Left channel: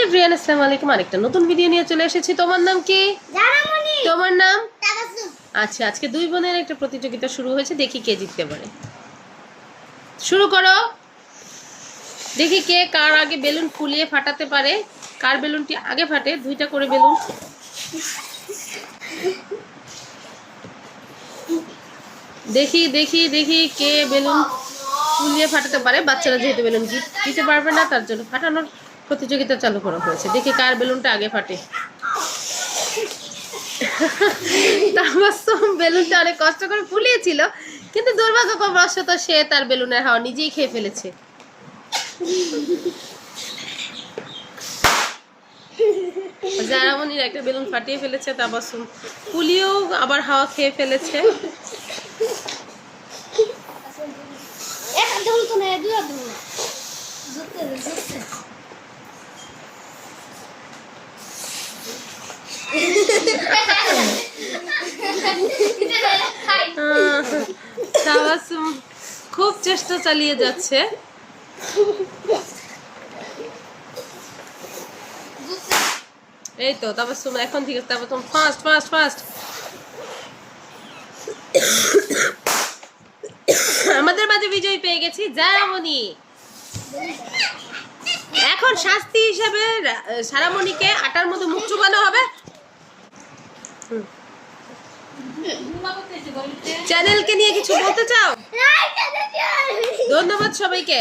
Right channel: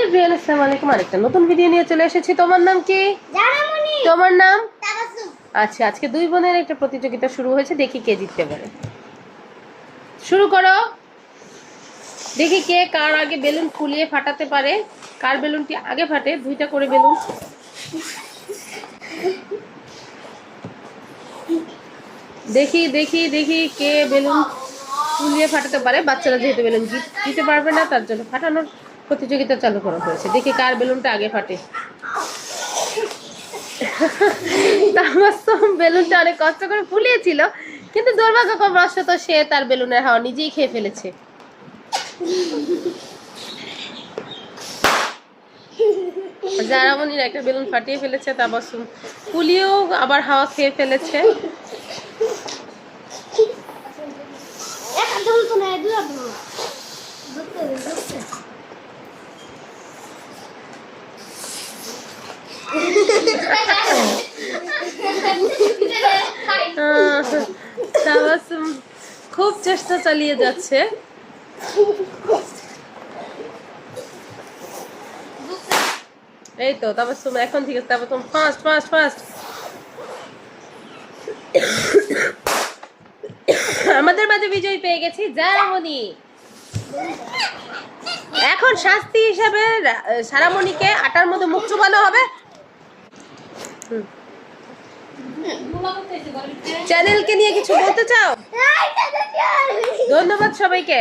Everyone, আসসালামু আলাইকুম। আরেকটা নতুন ভিডিও নিয়ে চলে এসেছি। তোমার নাম কি? জানামনি। তোমার নাম? তাবাসসুম। আচ্ছা, আজকে দুই বোনের একটা প্রতিযোগিতা শুরু হয়েছে, দেখি কে জিততে পারে। শুরু করো। দেখি কে কার আগে বেলুন ফুলিয়ে ফাটাতে পারে, কার বেলুনটি আগে ফাটে। দুইটা করে বেলুন। দেখি দেখি দেখি কে বেলুন ফুলিয়ে ফাটাতে পারে। বাচ্চারা যেহেতু বেলুন দিতে পারবে না, তার জন্য ফাটানোর প্রতিযোগিতা চালু করা হয়েছে। দেখি কার বেলুনটা আগে ফাটে। তাবাসসুম বেলুনটা অনেক কষ্ট করে ফুলিয়েছিল, কিন্তু দুর্ভাগ্যবশত সে তার বেলুনের হাওয়া নিজেই খেয়ে ফেলেছে। জারামনির একটা বেলুন ফাটিয়ে ফেলেছে, তাবাসসুম ফুলিয়েও আবার হাওয়া খেয়ে ফেলেছে। তাবাসসুম খুব চেষ্টা চালিয়ে যাচ্ছে। এই তো তাবাসসুম এখন ঠিক আছে। Tabassum fast fast fast. আমাদের মাঝে বিজয়ী পেয়ে গেছি জারামনি। এখন শাস্তি হিসাবে সারামণিকে আটার মধ্যে মুখ চুবানো হবে। চ্যানেলকে নিয়ে কিছু বলতে চাও? ধন্যবাদ সবাইকে।